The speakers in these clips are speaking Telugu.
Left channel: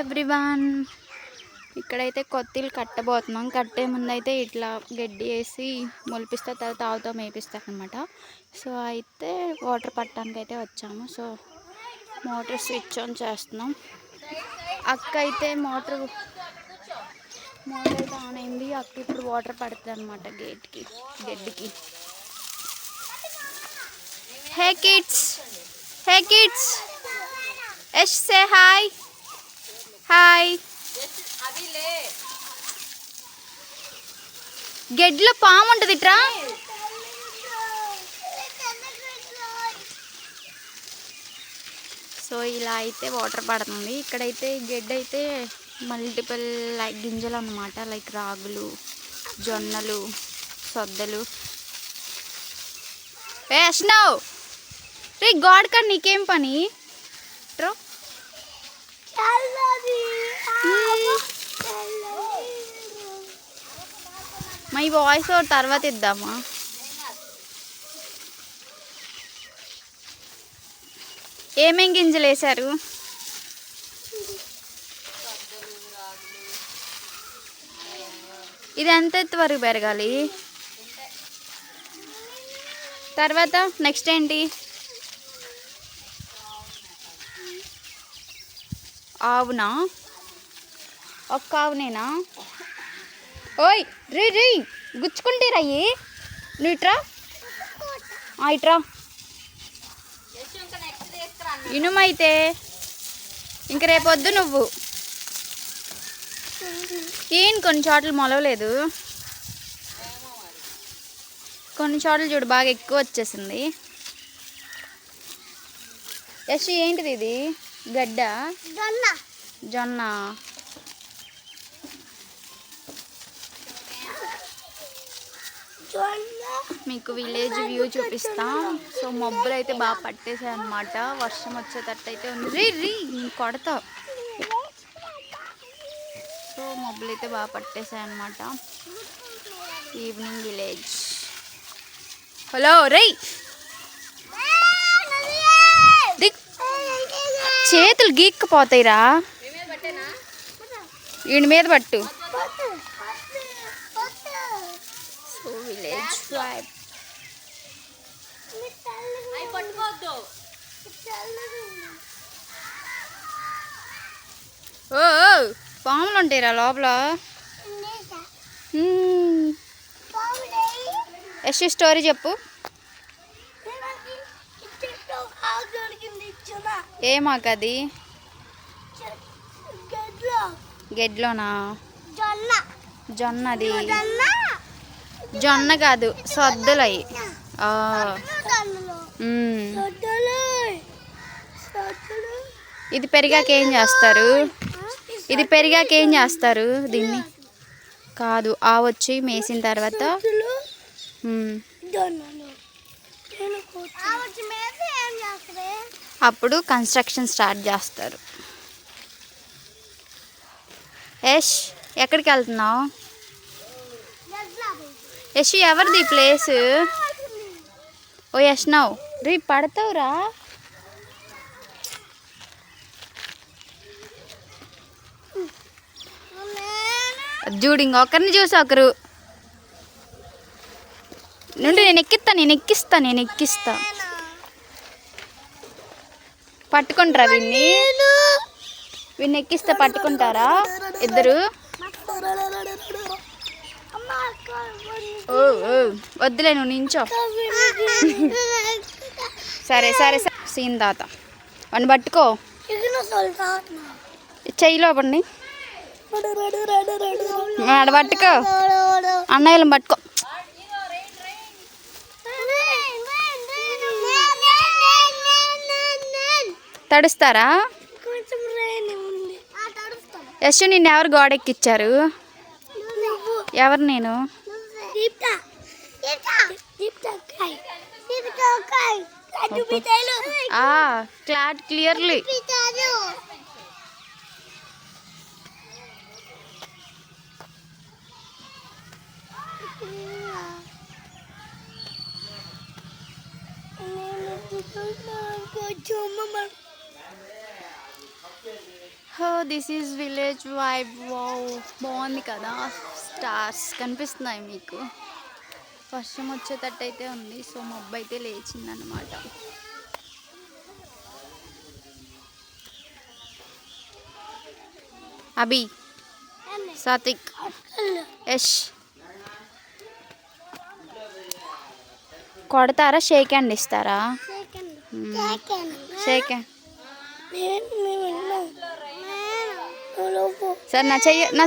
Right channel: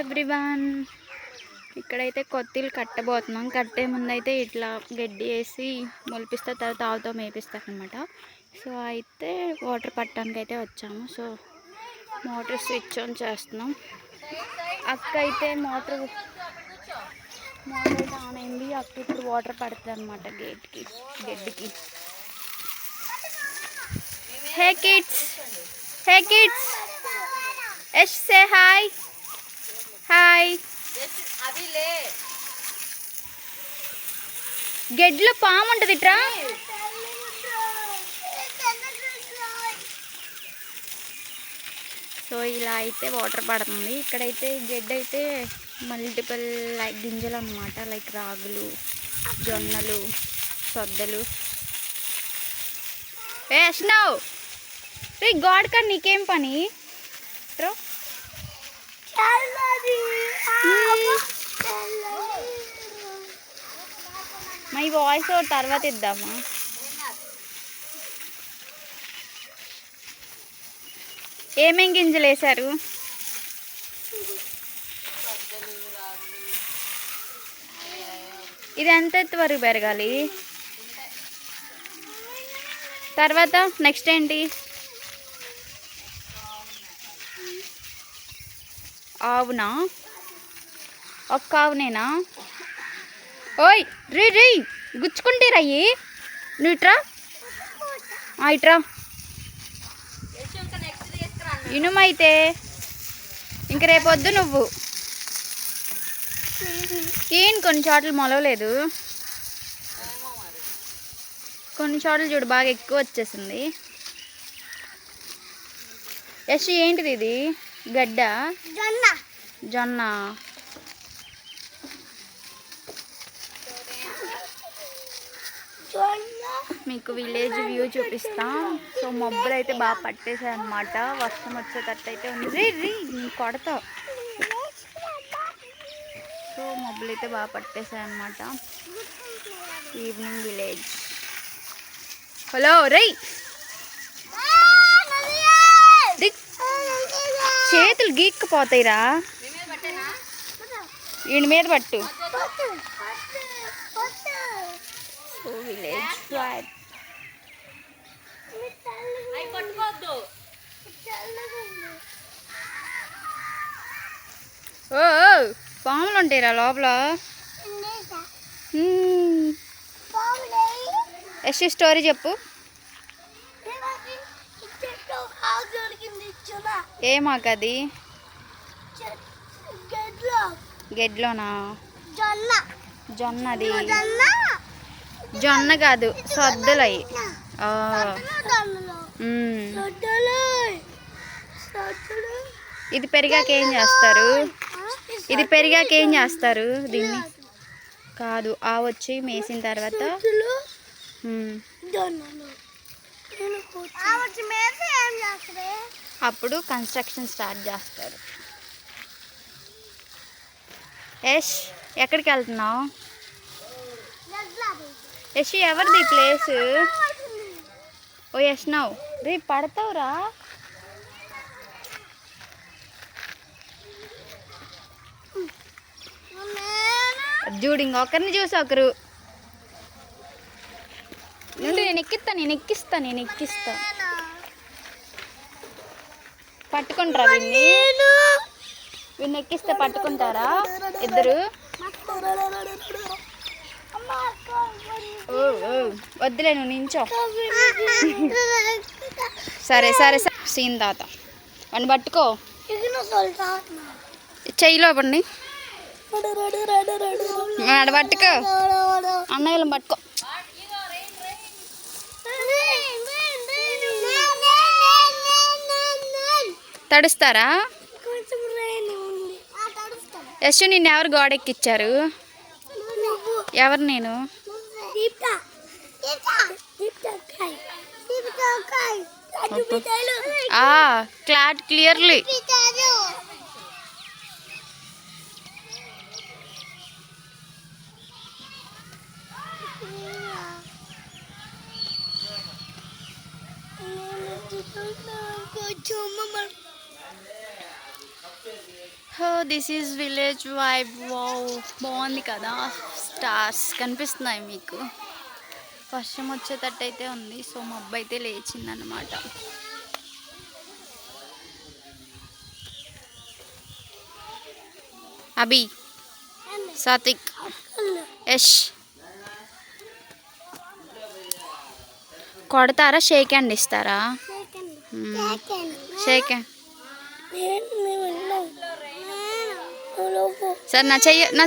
ఎవ్రీవన్, ఇక్కడైతే కొత్తిలు కట్టబోతున్నాం. కట్టే ముందు అయితే ఇట్లా గడ్డి వేసి మొలిపిస్తే తర్వాత ఆవుతో మేపిస్తారనమాట. సో అయితే వాటర్ పట్టడానికి అయితే వచ్చాము. సో మోటార్ స్విచ్ ఆన్ చేస్తున్నాం. అక్క అయితే మోటార్ అయితే ఆన్ అయింది. అక్క ఇప్పుడు వాటర్ పడుతుంది అనమాట గడ్డికి. హే కిడ్స్, యష్ సే హాయ్. గడ్డిలో పాము ఉంటుంది ఇట్రా. సో ఇలా అయితే వాటర్ పడుతుంది. ఇక్కడైతే గడ్డి అయితే మల్టిపుల్ గింజలు అన్నమాట, లైక్ రాగులు, జొన్నలు, సొద్దలు. ఏ అష్నవ్ రీ గాడ్ కాడ నీకేం పని ట్రో. మా ఈ వాయిస్ తర్వాత ఇద్దామా? ఏమేం గింజలు వేశారు? ఇది ఎంత ఎత్తు వరకు పెరగాలి? తర్వాత నెక్స్ట్ ఏంటి? ఆవునా? ఒక్క ఆవునేనా? ఓయ్ రీ గుచ్చుకుంటే రయ్యి. నువ్వు ఇట్రా, ఇట్రా. ఇనుమైతే ఇంక రేపొద్దు నువ్వు కొన్ని చోట్ల మొలవలేదు, కొన్ని చోట్ల చూడు బాగా ఎక్కువ వచ్చేసింది. యశ్ ఏంటిది ఇది? గడ్డ? జొన్న. మీకు విలేజ్ వ్యూ చూపిస్తాం. సో మబ్బులు అయితే బాగా పట్టేసాయి అన్నమాట. వర్షం వచ్చేటట్టు అయితే ఉంది. రీ కొడతా. సో మబ్బులు అయితే బాగా పట్టేసాయి అన్నమాట. Evening village. హలో రై, చేతులు గీక్కుపోతాయిరా. వీడి మీద పట్టు. So village vibe. ఓ పాములు ఉంటాయిరా లోపల. యశ్ స్టోరీ చెప్పు. ఏమాకది? గెడ్లోనా? జొన్నది. జొన్న కాదు, సొద్దులు అవి. ఇది పెరిగాక ఏం చేస్తారు? దీన్ని కాదు, వచ్చి మేసిన తర్వాత అప్పుడు కన్స్ట్రక్షన్ స్టార్ట్ చేస్తారు. యష్ ఎక్కడికి వెళ్తున్నావు? యష్ ఎవరిది ప్లేస్? ఓ యష్నవ్ రీ పడతావురా. చూడు ఇంకొకరిని చూసి ఒకరు నుండి నేను ఎక్కిస్తా. పట్టుకుంటారా వీడిని ఎక్కిస్తే పట్టుకుంటారా ఇద్దరు? వద్దులే, నువ్వు నించో. సరే సీన్ తాత వాడిని పట్టుకో. చెయ్యిలో పడి ఆడ పట్టుకో. అన్నయ్యలను పట్టుకో. తడుస్తారా? యశ్ నిన్ను ఎవరు గోడెక్కిచ్చారు? ఎవరు? నేను. Clearly. This is village vibe. Wow, బాగుంది కదా. స్టార్స్ కనిపిస్తున్నాయి మీకు. వర్షం వచ్చేటట్టు అయితే ఉంది. సో మబ్బు అయితే లేచిందనమాట. అభి, సాత్విక్, యష్ కొడతారా? షేక్ హ్యాండ్ ఇస్తారా? Shake hand. సార్ నా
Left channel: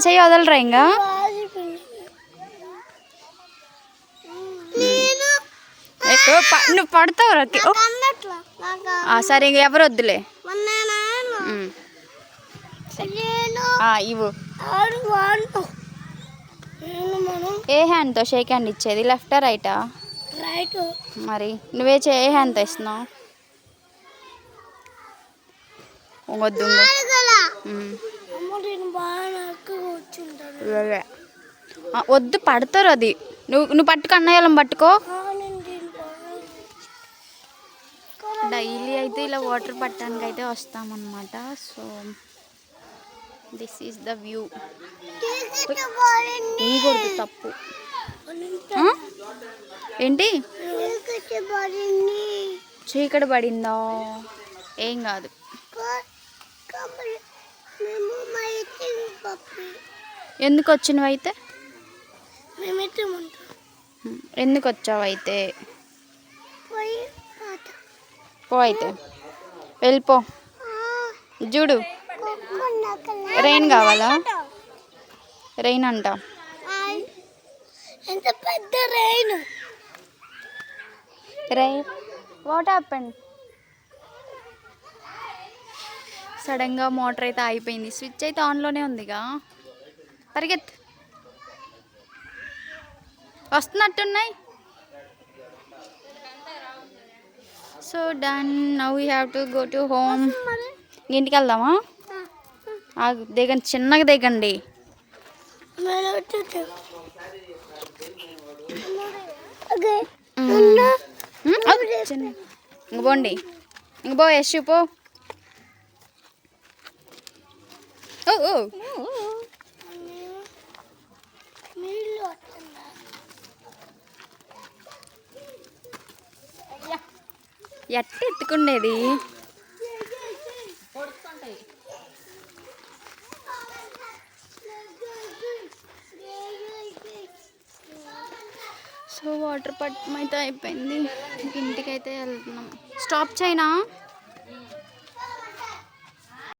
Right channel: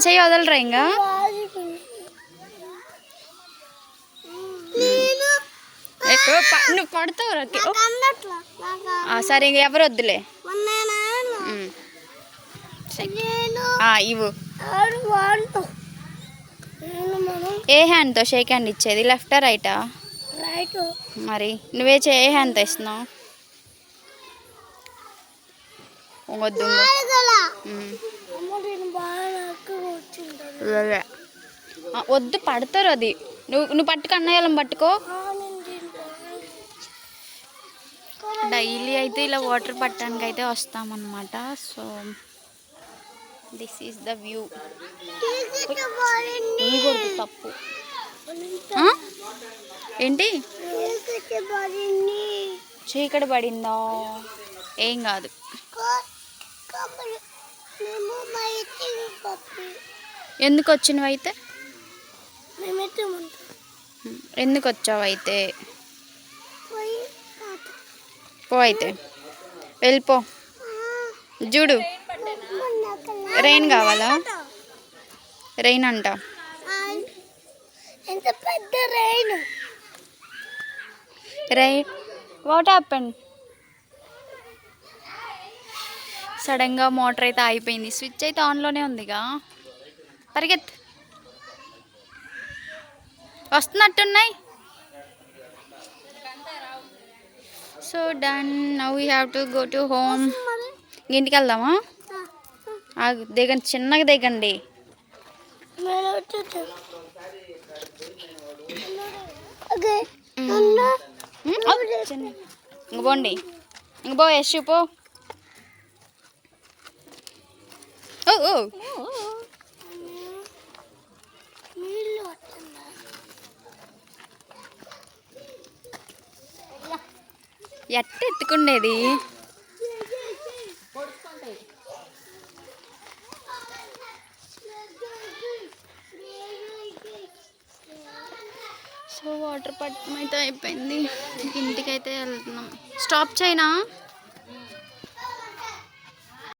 చెయ్యి వదలరా ఇంకా. నువ్వు పడతావు. సరే ఇంక ఎవరు వద్దులే. ఇవ్వు. ఏ హ్యాండ్తో షేక్ హ్యాండ్ ఇచ్చేది? లెఫ్టా రైటా? మరి నువ్వే ఏ హ్యాండ్తో ఇస్తున్నావు? వద్దు, వద్దు, పడతారు అది. నువ్వు పట్టుకో, అన్నయ్యలం పట్టుకో. డైలీ అయితే ఇలా వాటర్ పట్టడానికి అయితే వస్తామన్నమాట. So this is the view. తప్పు ఏంటి? చీకటి పడిందా? ఏం కాదు. ఎందుకు వచ్చినవి అయితే? ఎందుకు వచ్చావు అయితే? పో అయితే, వెళ్ళిపో. చూడు, రెయిన్ కావాలా? రెయిన్ అంట. రెయిన్. What happen? సడన్గా మోటార్ అయితే అయిపోయింది. స్విచ్ అయితే ఆన్లోనే ఉందిగా. పరిగెత్. వస్తున్నట్టున్నాయి. So done. Now we have to go to home. ఇంటికి వెళ్దామా? దిగండి, చిన్నగా దిగండి. ఇంక పోండి. ఇంక పో యశ్, పో. ఎట్ట ఎత్తుకుండేది? సో వాటర్ పట్టడం అయితే అయిపోయింది. ఇంటికైతే వెళ్తున్నాం. స్టాప్ చేయనా?